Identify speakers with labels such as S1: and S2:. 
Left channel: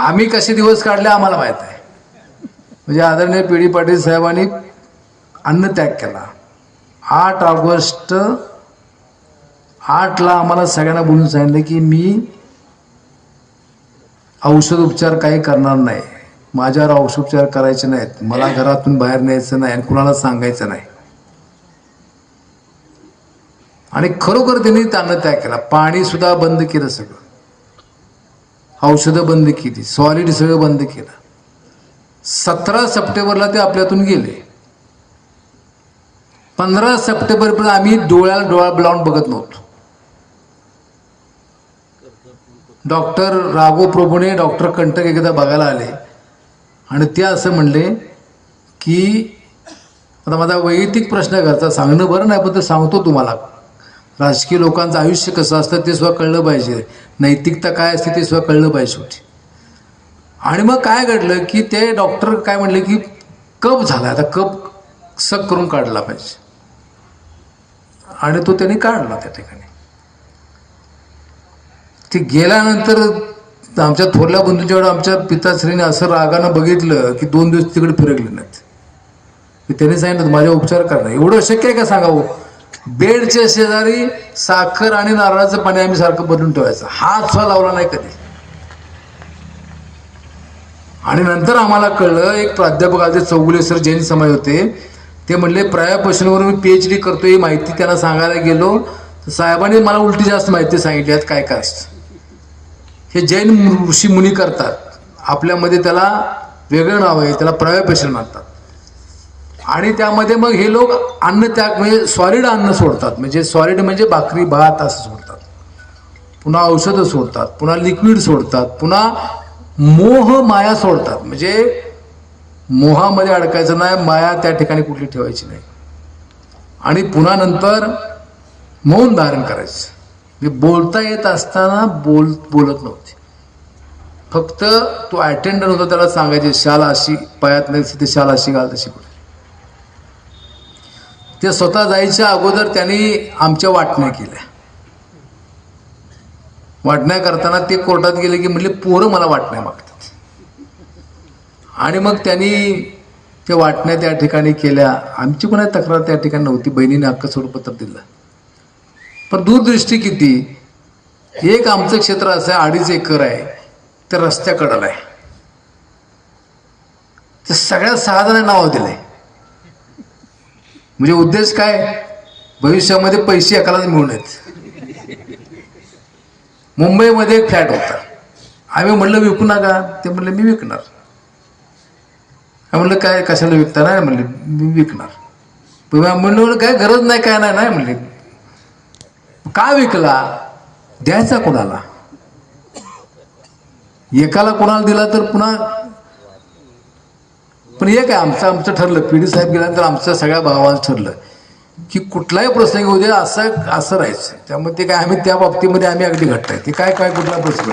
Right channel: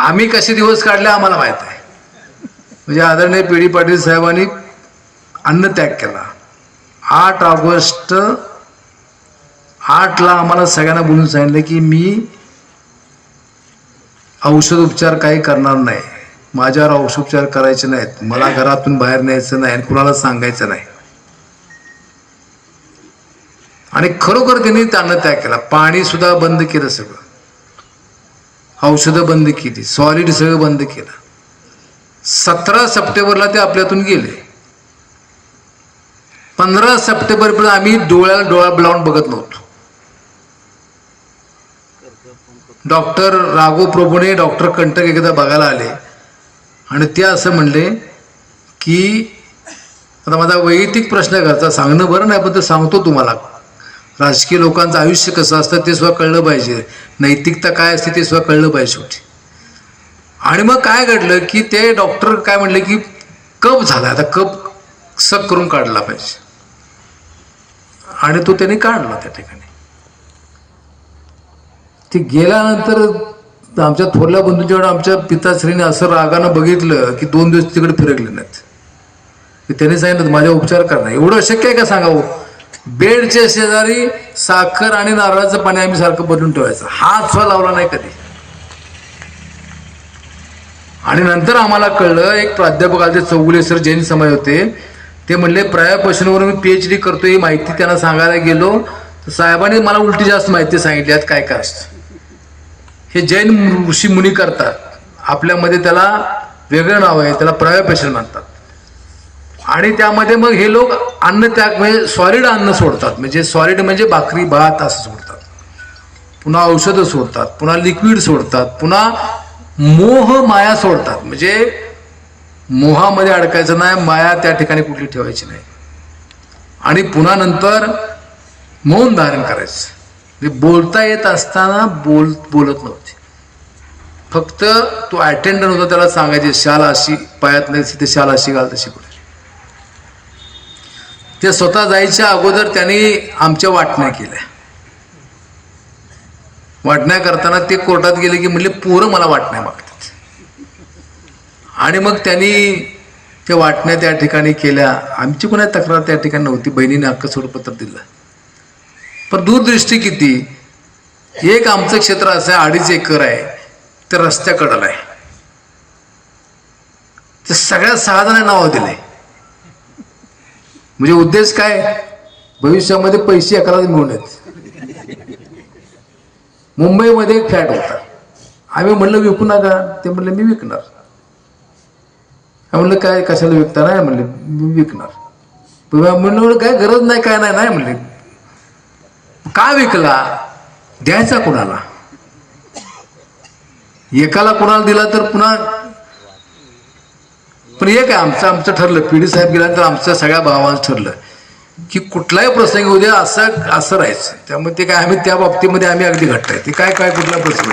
S1: आम्ही कसे दिवस काढले आम्हाला माहीत आहे म्हणजे आदरणीय पी डी पाटील साहेबांनी अन्नत्याग केला. आठ ऑगस्ट आठला आम्हाला सगळ्यांना बोलून सांगितलं की मी औषध उपचार काही करणार नाही. माझ्यावर औषध उपचार करायचे नाहीत. मला घरातून बाहेर न्यायचं नाही आणि कुणाला सांगायचं नाही. आणि खरोखर त्यांनी त्यांना त्याग केला. पाणी सुद्धा बंद केलं सगळं. औषधं बंद केली. सॉलिड सगळं बंद केलं. सतरा सप्टेंबरला ते आपल्यातून गेले. पंधरा सप्टेंबरपर्यंत आम्ही डोळ्याला डोळा लावून बघत नव्हतो. डॉक्टर राघो प्रभूने डॉक्टर कंटक एकदा बघायला आले. आणि ते असं म्हणले की आता माझा वैयक्तिक प्रश्न घरचा सांगणं बरं नाही पण ते सांगतो तुम्हाला. राजकीय लोकांचं आयुष्य कसं असतं ते सुद्धा कळलं पाहिजे. नैतिकता काय असते ते सुद्धा कळलं पाहिजे शेवटी. आणि मग काय घडलं की ते डॉक्टर काय म्हटले की कप झाला. आता कप सक करून काढला पाहिजे. आणि तो त्याने काढला त्या ठिकाणी. ते गेल्यानंतर आमच्या थोरल्या बंधूंच्याकडे आमच्या पिताश्रीने असं रागानं बघितलं की दोन दिवस तिकडे फिरकले नाहीत. त्याने सांगितलं माझ्या उपचार करणार एवढं शक्य आहे का सांगावं? बेडच्या शेजारी साखर आणि नारळाचं पाणी आम्ही सारखं बदलून ठेवायचं. हात सुद्धा लावला नाही कधी. आणि नंतर आम्हाला कळलं एक प्राध्यापक आले चौगुले सर जैन समाज होते. ते म्हणले प्रायापासूनवर मी पी एच डी करतो ही माहिती त्यांना सांगायला गेलो. तर साहेबांनी मला उलटी जास्त माहिती सांगितली आहेत काय काय असतं हे जैन ऋषी मुनी करतात. आपल्यामध्ये त्याला वेगळं नाव आहे त्याला प्रायापेशन म्हणतात. आणि त्यामध्ये मग हे लोक अन्न त्याग म्हणजे सॉलिड अन्न सोडतात. म्हणजे सॉलिड म्हणजे भाकरी भात असं सोडतात. पुन्हा औषधं सोडतात पुन्हा लिक्विड सोडतात पुन्हा मोह माया सोडतात. म्हणजे मोहामध्ये अडकायचं नाही माया त्या ठिकाणी कुठली ठेवायची नाही. आणि पुन्हा नंतर मौन धारण करायचं. म्हणजे बोलता येत असताना बोल बोलत नव्हते. फक्त तो अटेंडंट होता त्याला सांगायचे शाल अशी पायात नाही तिथे शाल अशी घाल तशी पुढे. ते स्वतः जायच्या अगोदर त्यांनी आमच्या वाटण्या केल्या. वाटण्या करताना ते कोर्टात गेले की म्हणले पोरं मला वाटण्या मागतात. आणि मग त्यांनी त्या वाटण्या त्या ठिकाणी केल्या. आमची कोणाची तक्रार त्या ठिकाणी नव्हती. बहिणीने हक्क स्वरूपत्र दिलं. पण दूरदृष्टी किती? एक आमचं क्षेत्र असं आहे अडीच एकर आहे. ते रस्त्याकडलं आहे ते सगळ्यात सहा जणांना नाव दिले म्हणजे उद्देश काय? भविष्यामध्ये पैसे एकालाच मिळून येत मुंबईमध्ये एक फ्लॅट होता. आम्ही म्हणलं विकू नका. ते म्हणले मी विकणार. म्हणलं काय कशाला विकता? नाही म्हणले मी विकणार. म्हणलं काय गरज नाही काय नाही नाही म्हणले. का विकला? द्यायचा कोणाला? एकाला कोणाला दिला तर पुन्हा पण एक आहे आमचं आमचं ठरलं. पी डी साहेब गेल्यानंतर आमचं सगळ्या भावांचं ठरलं की कुठलाही प्रसंग उद्या असं असं राहायचं. त्यामुळे ते काय आम्ही त्या बाबतीमध्ये आम्ही अगदी घट्ट आहे. ते काय काय कुठला प्रसंग?